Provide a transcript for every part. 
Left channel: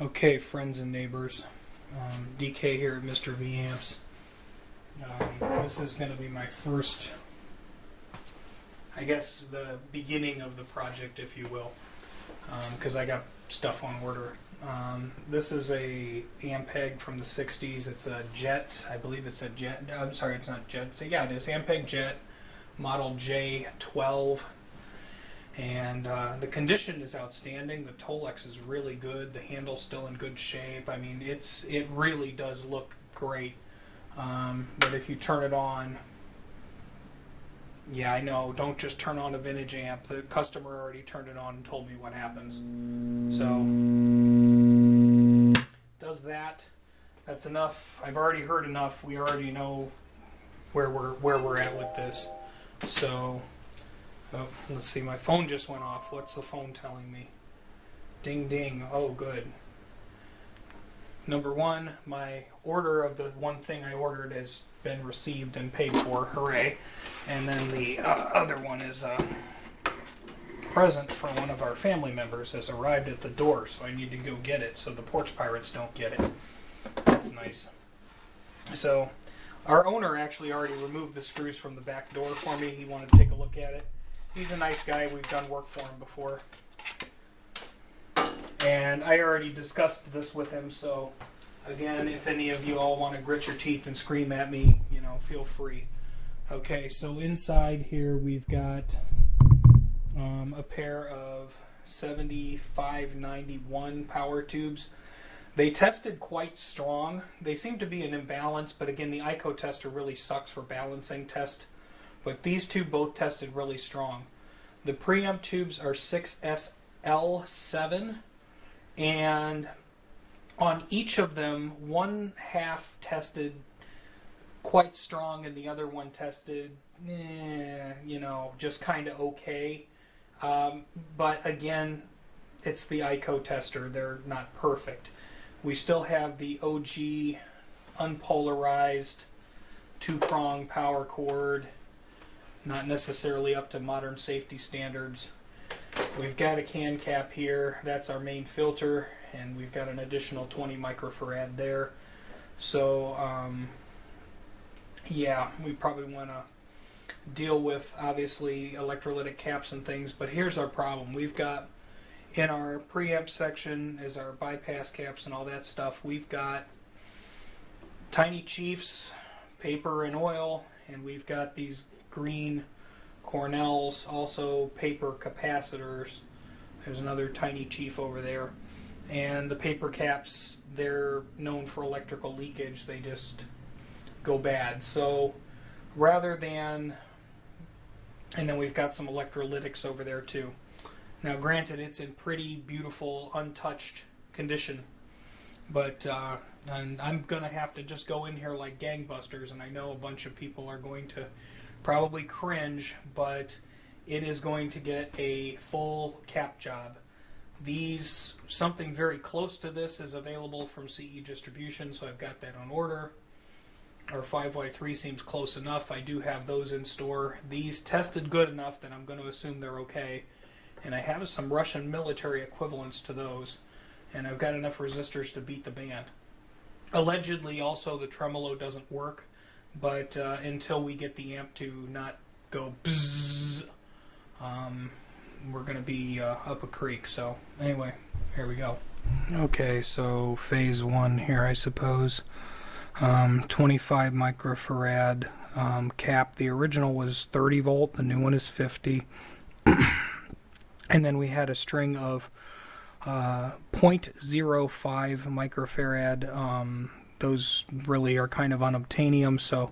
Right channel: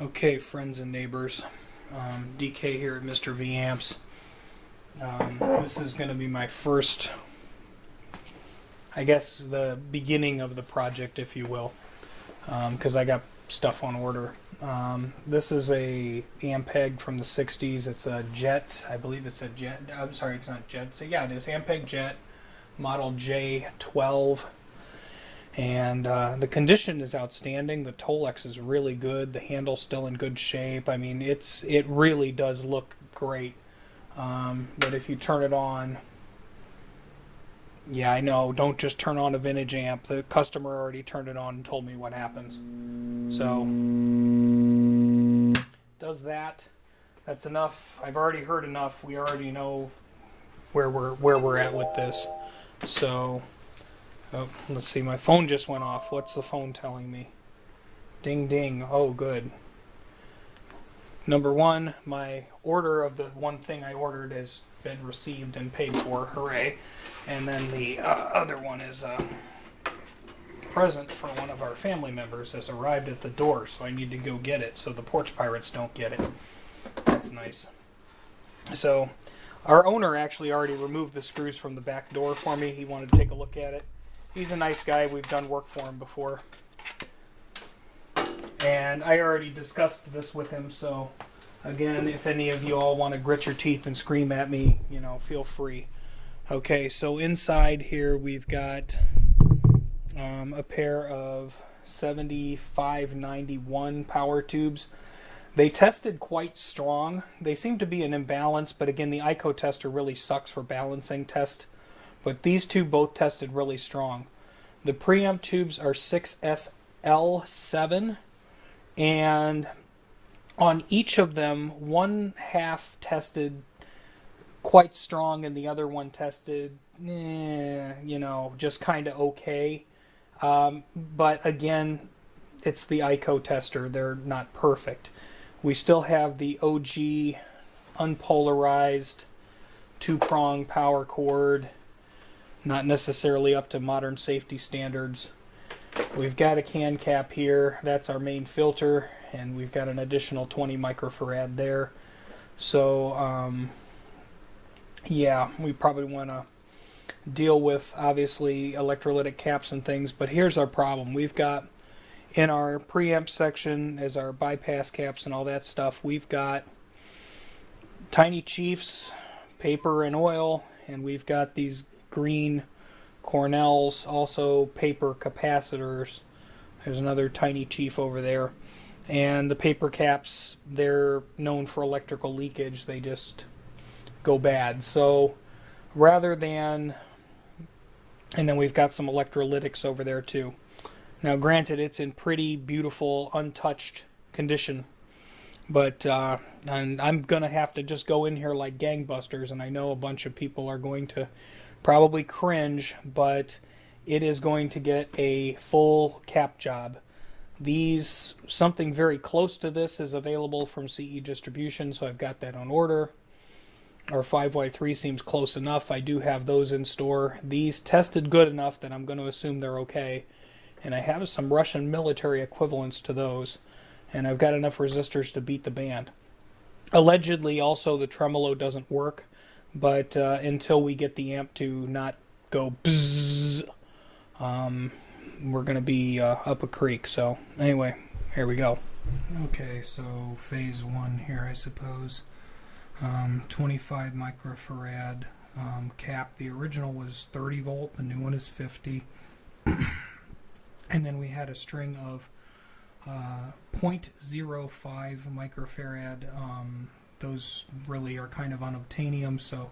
Okay, friends and neighbors, DK here at Mr. V Amps. This is going to be my first, I guess, the beginning of the project, if you will, because I got stuff on order. This is a Ampeg from the 60's. It's a Jet, I believe it's a Jet. I'm sorry, it's not Jet. So yeah, it is Ampeg Jet model J-12. And the condition is outstanding. The Tolex is really good. The handle's still in good shape. I mean, it really does look great. But if you turn it on, yeah, I know. Don't just turn on a vintage amp. The customer already turned it on and told me what happens. So does that. That's enough. I've already heard enough. We already know where we're at with this. So. Oh, let's see, my phone just went off. What's the phone telling me? Ding ding. Oh, good. Number one, my order of the one thing I ordered has been received and paid for. Hooray. And then the other one is a present for one of our family members has arrived at the door, so I need to go get it so the porch pirates don't get it. That's nice. So, our owner actually already removed the screws from the back door for me. He wanted to take a look at it. He's a nice guy. We've done work for him before. And I already discussed this with him, so again, if any of you all want to grit your teeth and scream at me, you know, feel free. Okay, so inside here we've got a pair of 7591 power tubes. They tested quite strong. They seem to be an imbalance, but again, the ICO tester really sucks for balancing test. But these two both tested really strong. The preamp tubes are 6SL7, and on each of them, one half tested quite strong and the other one tested, you know, just kind of okay. But again, it's the ICO tester. They're not perfect. We still have the OG unpolarized two-prong power cord. Not necessarily up to modern safety standards. We've got a can cap here. That's our main filter, and we've got an additional 20 microfarad there. So, yeah, we probably want to deal with, obviously, electrolytic caps and things, but here's our problem. We've got, in our preamp section, as our bypass caps and all that stuff, we've got tiny chiefs, paper and oil, and we've got these green Cornells, also paper capacitors. There's another tiny chief over there. And the paper caps, they're known for electrical leakage. They just go bad. So rather than... And then we've got some electrolytics over there too. Now granted, it's in pretty beautiful, untouched condition. But and I'm going to have to just go in here like gangbusters, and I know a bunch of people are going to probably cringe, but it is going to get a full cap job. Something very close to this is available from CE Distribution, so I've got that on order. Our 5Y3 seems close enough. I do have those in store. These tested good enough that I'm going to assume they're okay. And I have some Russian military equivalents to those. And I've got enough resistors to beat the band. Allegedly, also, the tremolo doesn't work. But until we get the amp to not go bzzz, we're going to be up a creek. So anyway, here we go. Okay, so phase one here, I suppose. 25 microfarad cap. The original was 30 volt. The new one is 50. And then we had a string of 0.05 microfarad. Those really are kind of unobtainium, so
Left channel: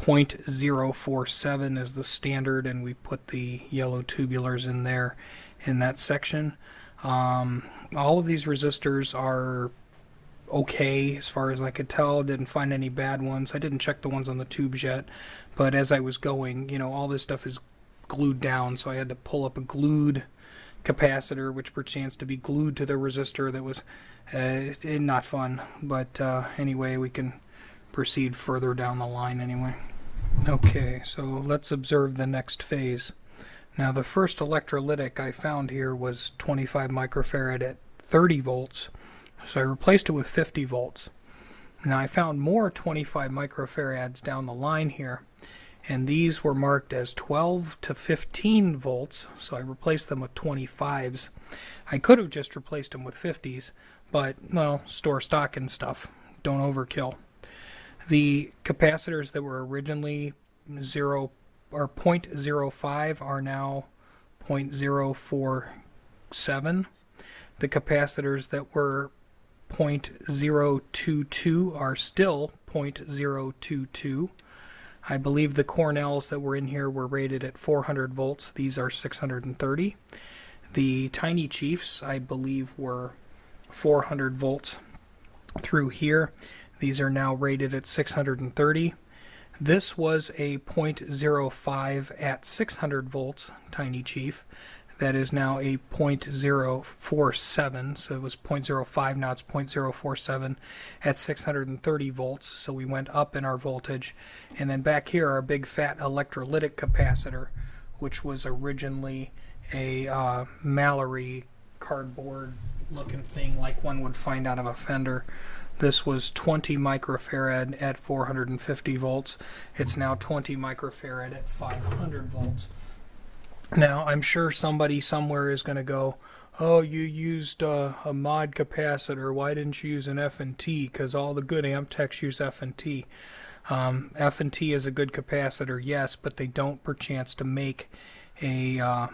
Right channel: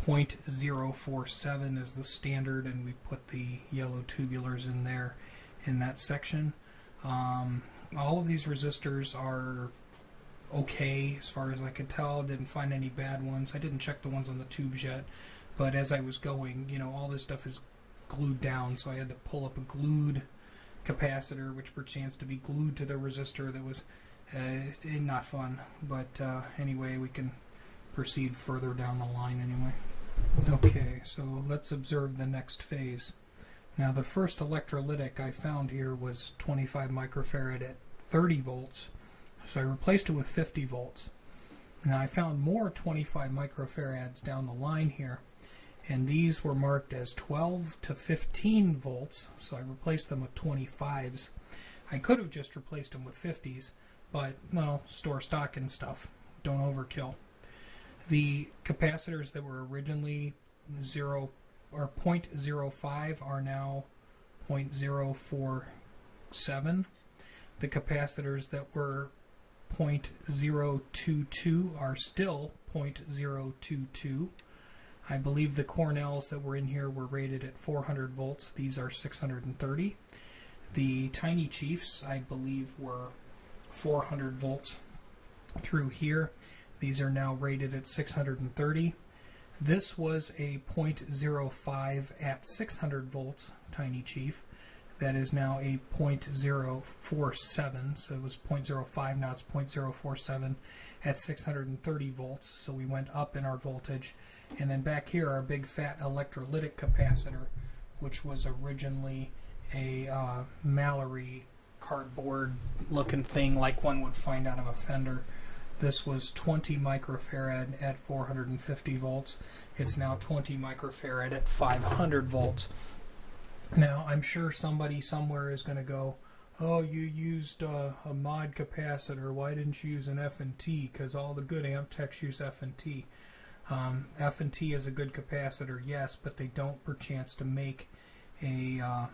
0.047 is the standard, and we put the yellow tubulars in there in that section. All of these resistors are okay as far as I could tell. Didn't find any bad ones. I didn't check the ones on the tubes yet, but as I was going, you know, all this stuff is glued down, so I had to pull up a glued capacitor, which perchance to be glued to the resistor. That was not fun, but anyway, we can proceed further down the line anyway. Okay, so let's observe the next phase. Now the first electrolytic I found here was 25 microfarad at 30 volts, So I replaced it with 50 volts. Now I found more 25 microfarads down the line here, and these were marked as 12 to 15 volts, so I replaced them with 25s. I could have just replaced them with 50s, but, well, store stock and stuff. Don't overkill. The capacitors that were originally 0.05 are now 0.047. The capacitors that were 0.022 are still 0.022. I believe the Cornells that were in here were rated at 400 volts. These are 630. The Tiny Chiefs, I believe, were 400 volts through here. These are now rated at 630. This was a 0.05 at 600 volts Tiny Chief. That is now a 0.047, so it was 0.05, now it's 0.047 at 630 volts, so we went up in our voltage. And then back here, our big fat electrolytic capacitor, which was originally a Mallory cardboard looking thing like one would find out of a fender. This was 20 microfarad at 450 volts. It's now 20 microfarad at 500 volts. Now, I'm sure somebody somewhere is going to go, oh, you used a mod capacitor. Why didn't you use an F&T? Because all the good amp techs use F&T. F&T is a good capacitor, yes, but they don't perchance to make a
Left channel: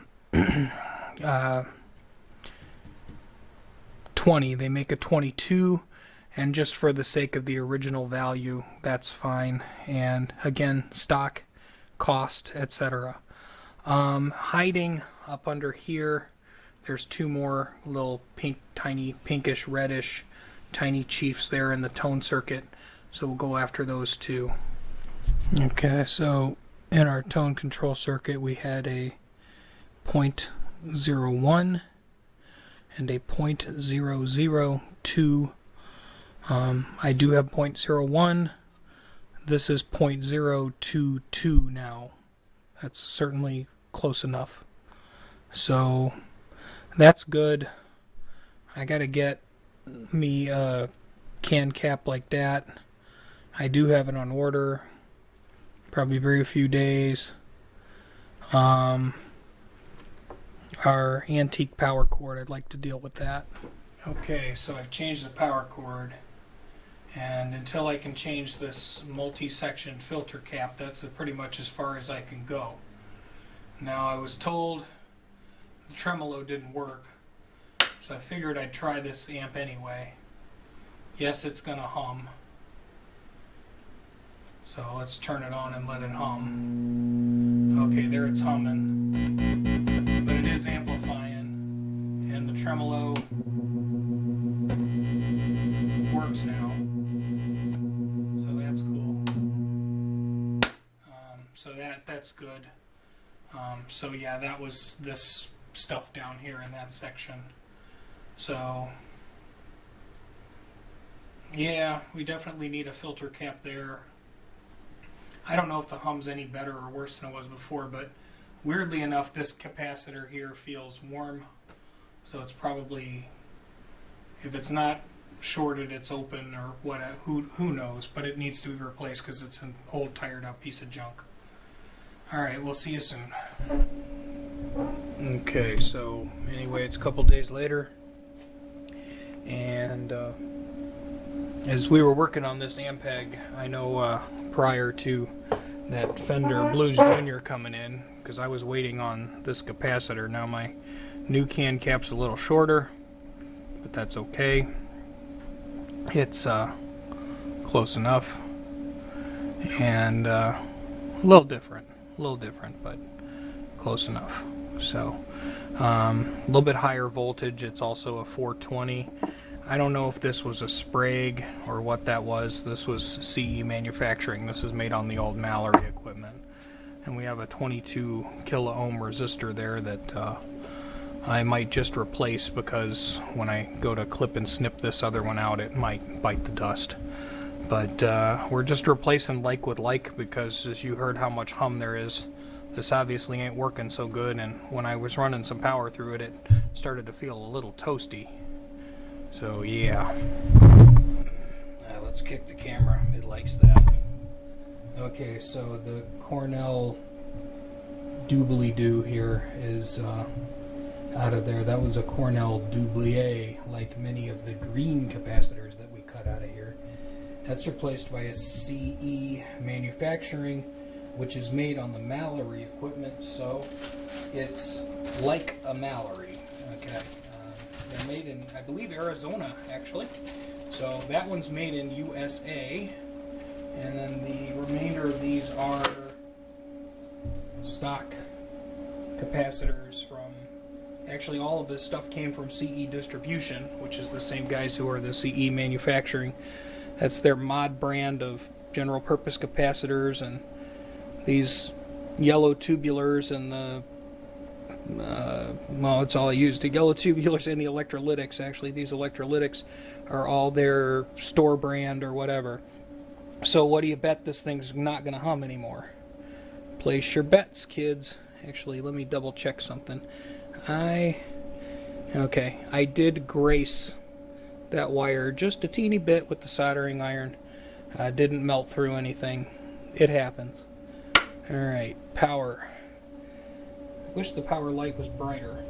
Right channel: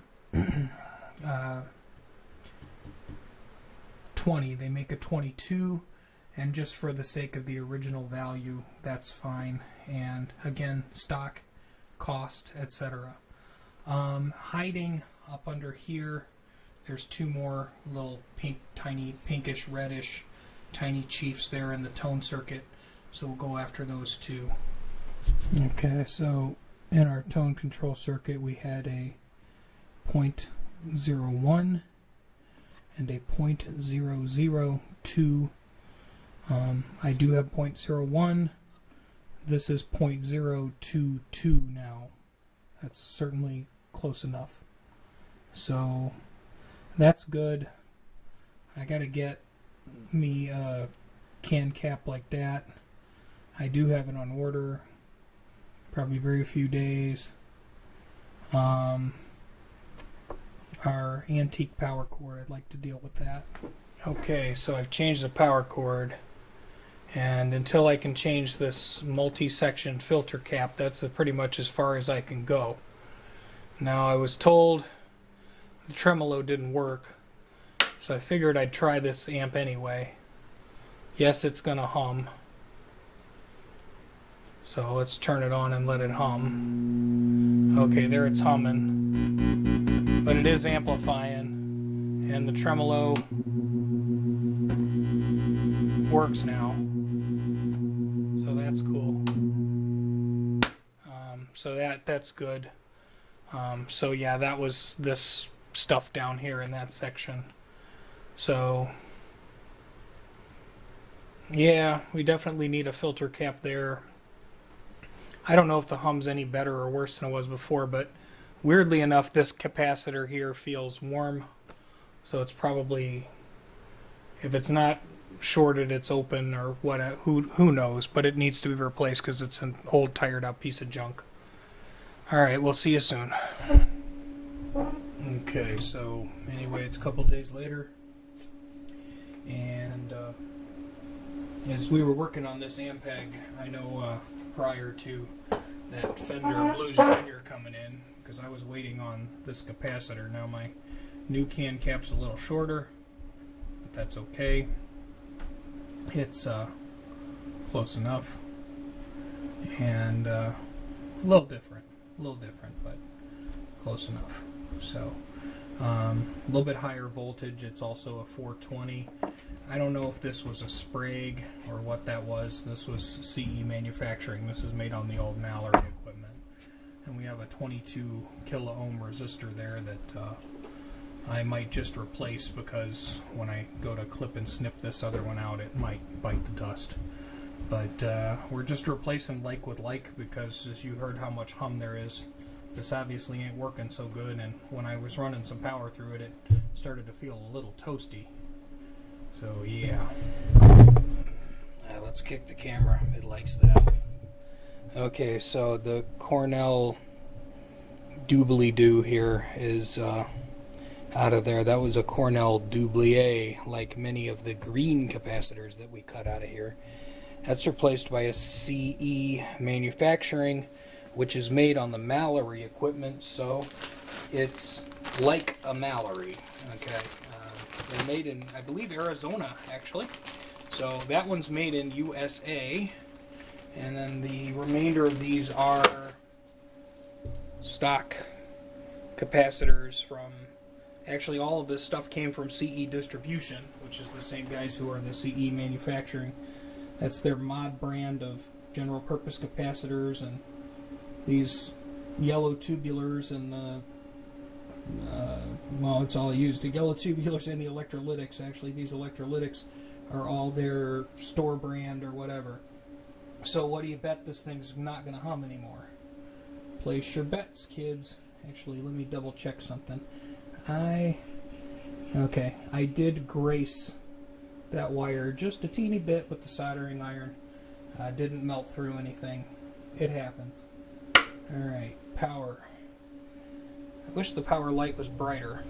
20. They make a 22, and just for the sake of the original value, that's fine. And again, stock, cost, etc. Hiding up under here, there's two more little pink, tiny, pinkish, reddish, Tiny Chiefs there in the tone circuit. So we'll go after those two. Okay, so in our tone control circuit, we had a 0.01 and a 0.002. I do have 0.01. This is 0.022 now. That's certainly close enough. So that's good. I gotta get me a can cap like that. I do have it on order. Probably very few days. Our antique power cord, I'd like to deal with that. Okay, so I've changed the power cord, and until I can change this multi-section filter cap, that's pretty much as far as I can go. Now, I was told the tremolo didn't work, so I figured I'd try this amp anyway. Yes, it's gonna hum. So let's turn it on and let it hum. Okay, there it's humming. But it is amplifying, and the tremolo works now. So that's cool. So that's good. So yeah, that was this stuff down here in that section. So yeah, we definitely need a filter cap there. I don't know if the hum's any better or worse than it was before, but weirdly enough, this capacitor here feels warm. So it's probably, if it's not shorted, it's open or what, who knows, but it needs to be replaced because it's an old tired out piece of junk. Alright, we'll see you soon. Okay, so anyway, it's a couple days later, and as we were working on this Ampeg, I know prior to that Fender Blues Junior coming in, because I was waiting on this capacitor. Now my new can cap's a little shorter, but that's okay. It's close enough, and a little different, but close enough. So a little bit higher voltage. It's also a 420. I don't know if this was a Sprague or what that was. This was CE manufacturing. This is made on the old Mallory equipment. And we have a 22 kilo ohm resistor there that I might just replace, because when I go to clip and snip this other one out, it might bite the dust. But we're just replacing like with like, because as you heard how much hum there is, this obviously ain't working so good, and when I was running some power through it, it started to feel a little toasty. So yeah, let's kick the camera. It likes that. Okay, so the Cornell doobly-doo here is out of there. That was a Cornell doublier, like many of the green capacitors that we cut out of here. That's replaced by a CE manufacturing, which is made on the Mallory equipment, so it's like a Mallory. Okay, they're made in, I believe, Arizona, actually. So that one's made in USA, and then the remainder of these are stock capacitors from, actually all of this stuff came from CE Distribution, which is the same guys who are the CE manufacturing. That's their mod brand of general purpose capacitors, and these yellow tubulars and the well, it's all I use. The yellow tubulars and the electrolytics. Actually, these electrolytics are all their store brand or whatever. So what do you bet this thing's not going to hum anymore? Place your bets, kids. Actually, let me double check something. Okay, I did grace that wire just a teeny bit with the soldering iron. Didn't melt through anything. It happens. Alright, power. I wish the power light was brighter.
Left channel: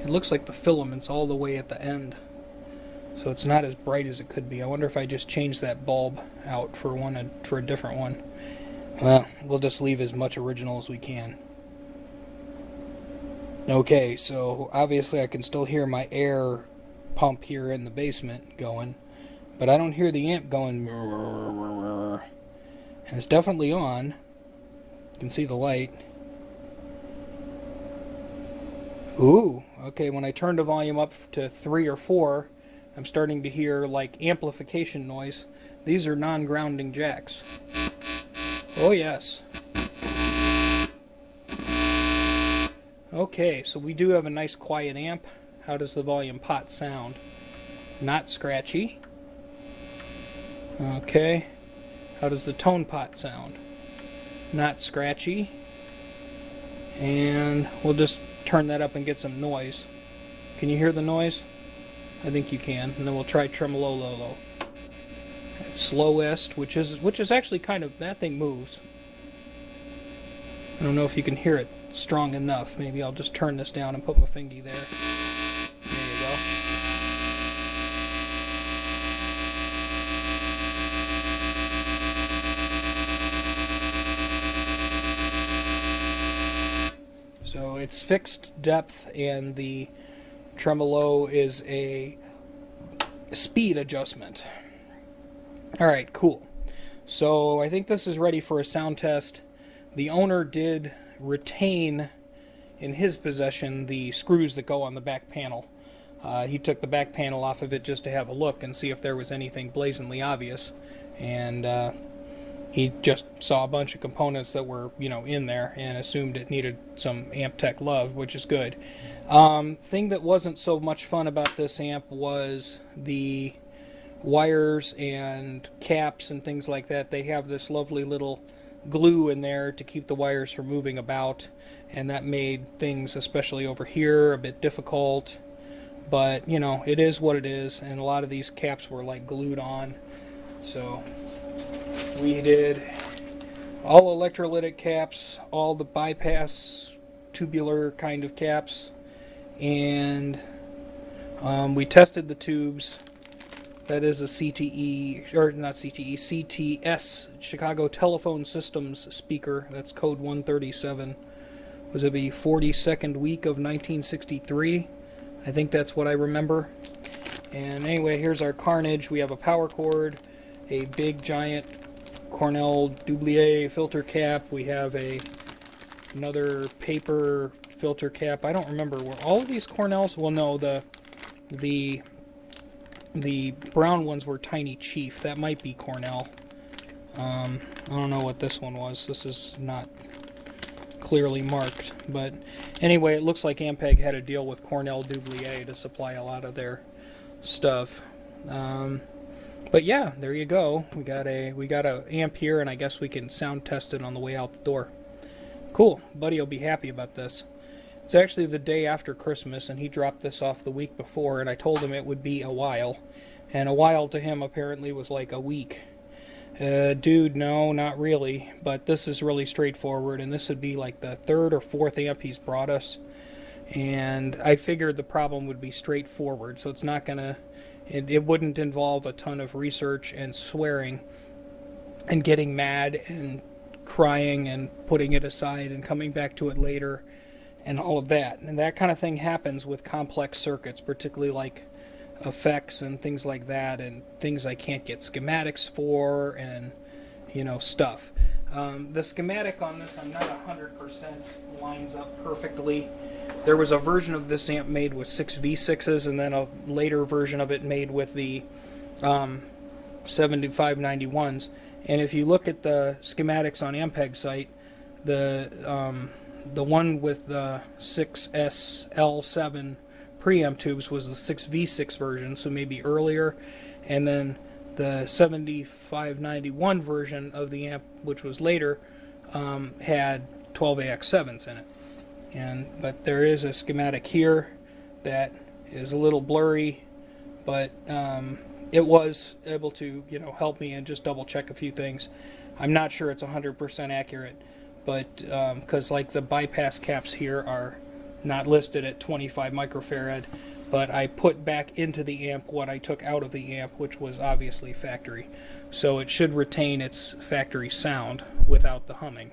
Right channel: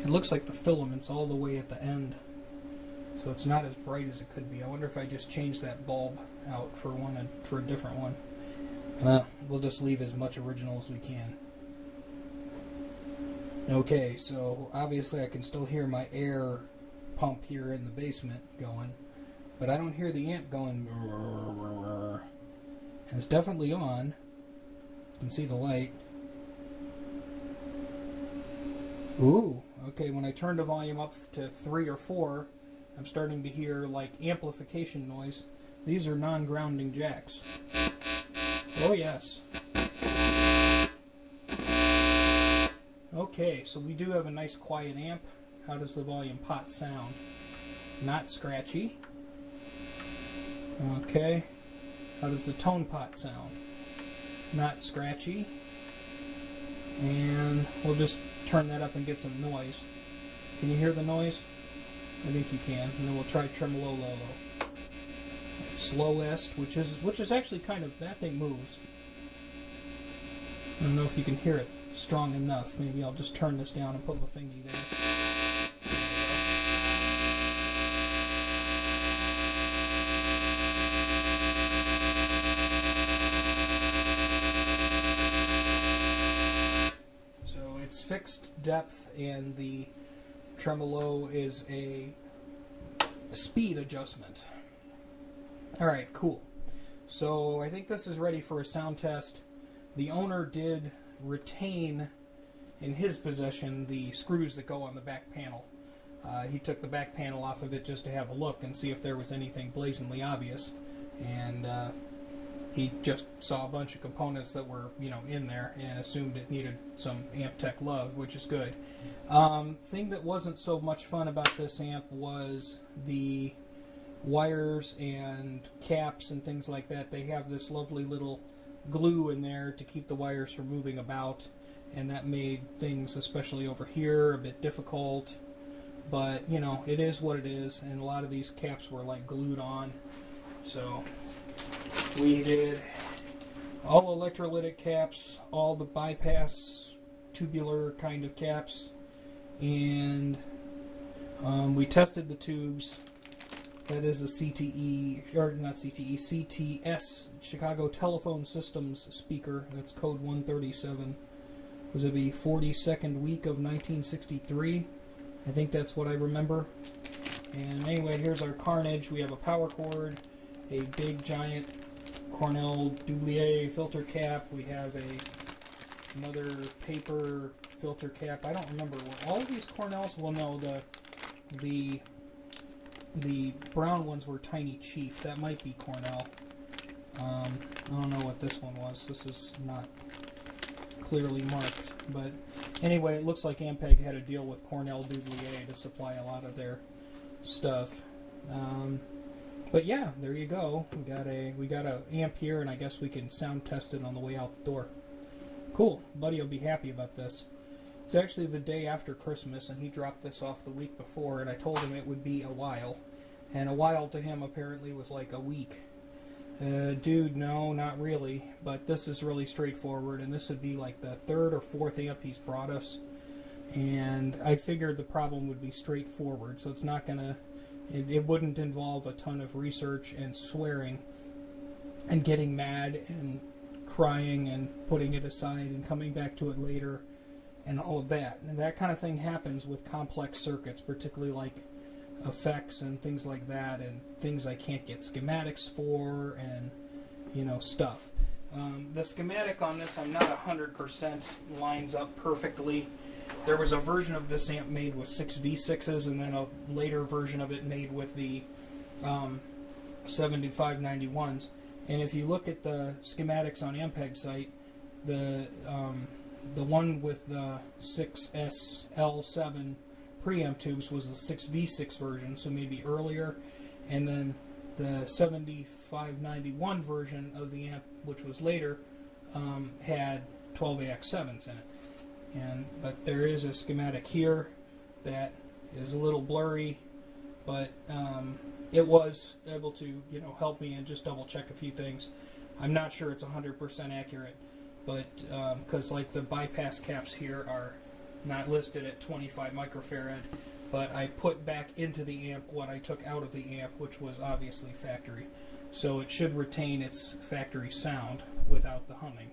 It looks like the filament's all the way at the end, so it's not as bright as it could be. I wonder if I just change that bulb out for a different one. Well, we'll just leave as much original as we can. Okay, so obviously I can still hear my air pump here in the basement going, but I don't hear the amp going, and it's definitely on. You can see the light. Ooh, okay, when I turn the volume up to 3 or 4, I'm starting to hear like amplification noise. These are non-grounding jacks. Oh yes. Okay, so we do have a nice quiet amp. How does the volume pot sound? Not scratchy. Okay. How does the tone pot sound? Not scratchy. And we'll just turn that up and get some noise. Can you hear the noise? I think you can. And then we'll try tremolo low. At slowest, which is actually kind of, that thing moves. I don't know if you can hear it strong enough. Maybe I'll just turn this down and put my fingy there. There you go. So it's fixed depth, and the tremolo is a speed adjustment. Alright, cool. So I think this is ready for a sound test. The owner did retain in his possession the screws that go on the back panel. He took the back panel off of it just to have a look and see if there was anything blazingly obvious, and he just saw a bunch of components that were, in there, and assumed it needed some amp tech love, which is good. Thing that wasn't so much fun about this amp was the wires and caps and things like that. They have this lovely little glue in there to keep the wires from moving about, and that made things, especially over here, a bit difficult. But it is what it is, and a lot of these caps were like glued on. So we did all electrolytic caps, all the bypass tubular kind of caps, and we tested the tubes. That is a CTE, or not CTE, CTS, Chicago Telephone Systems speaker. That's code 137. Was it the 42nd week of 1963? I think that's what I remember. And anyway, here's our carnage. We have a power cord, a big giant Cornell doublier filter cap. We have another paper filter cap. I don't remember, were all of these Cornells? Well, no, the brown ones were Tiny Chief. That might be Cornell. I don't know what this one was. This is not clearly marked. But anyway, it looks like Ampeg had a deal with Cornell Doublier to supply a lot of their stuff. But yeah, there you go. We got a amp here, and I guess we can sound test it on the way out the door. Cool. Buddy will be happy about this. It's actually the day after Christmas, and he dropped this off the week before, and I told him it would be a while. And a while to him apparently was like a week. Dude, no, not really. But this is really straightforward, and this would be like the third or fourth amp he's brought us. And I figured the problem would be straightforward, so it's not gonna... It wouldn't involve a ton of research and swearing and getting mad and crying and putting it aside and coming back to it later and all of that. And that kind of thing happens with complex circuits, particularly like effects and things like that, and things I can't get schematics for, and stuff. The schematic on this, I'm not 100% lines up perfectly. There was a version of this amp made with 6 V6s, and then a later version of it made with the 7591s. And if you look at the schematics on Ampeg site, the one with the 6SL7 preamp tubes was the 6V6 version, so maybe earlier, and then the 7591 version of the amp, which was later, had 12AX7s in it. But there is a schematic here that is a little blurry, but it was able to help me and just double check a few things. I'm not sure it's 100% accurate, but because like the bypass caps here are not listed at 25 microfarad, but I put back into the amp what I took out of the amp, which was obviously factory. So it should retain its factory sound without the humming.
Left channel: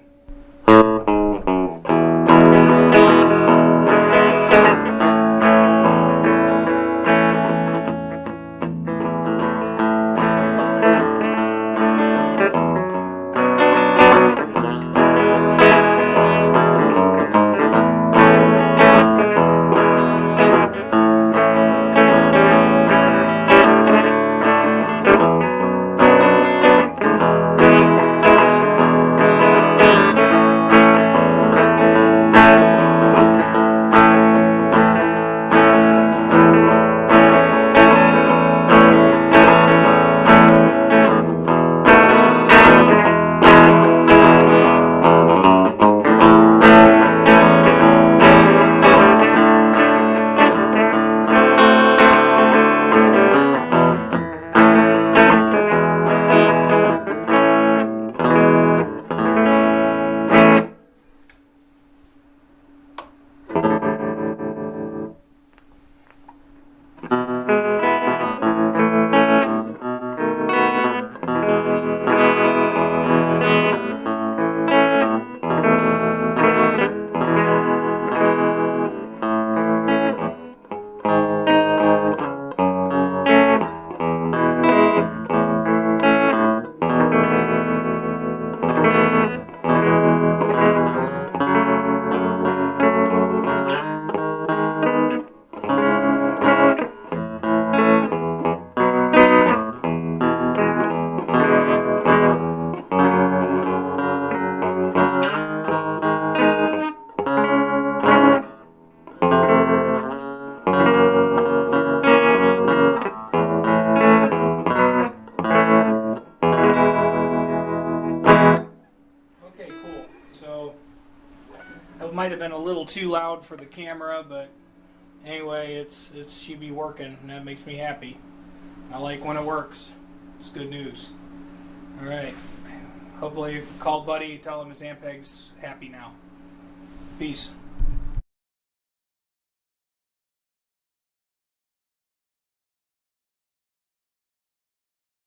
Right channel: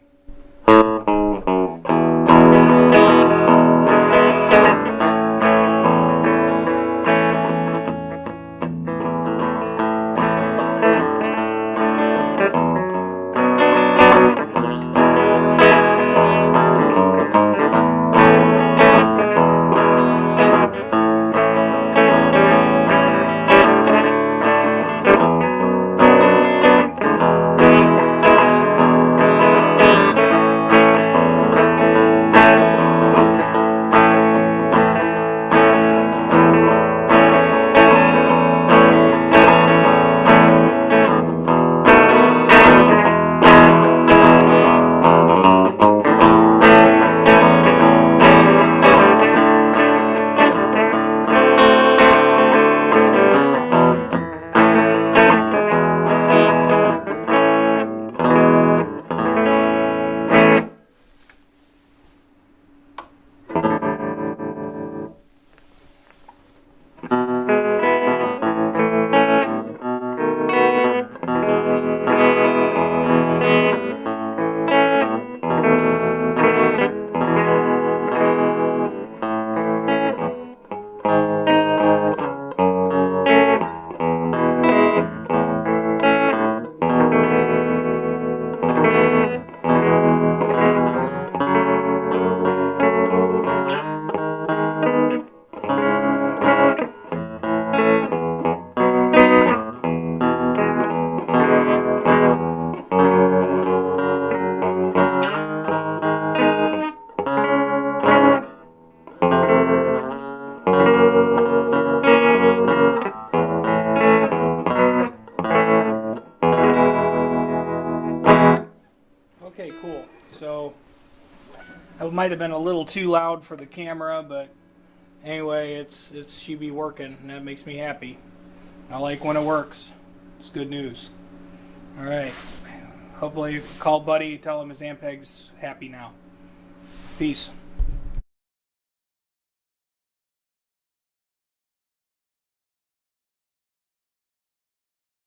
So it might have been a little too loud for the camera, but anyway, it's she be working, and that makes me happy. I like when it works. It's good news. All right. Hopefully, call Buddy, tell him his Ampeg's happy now. Peace.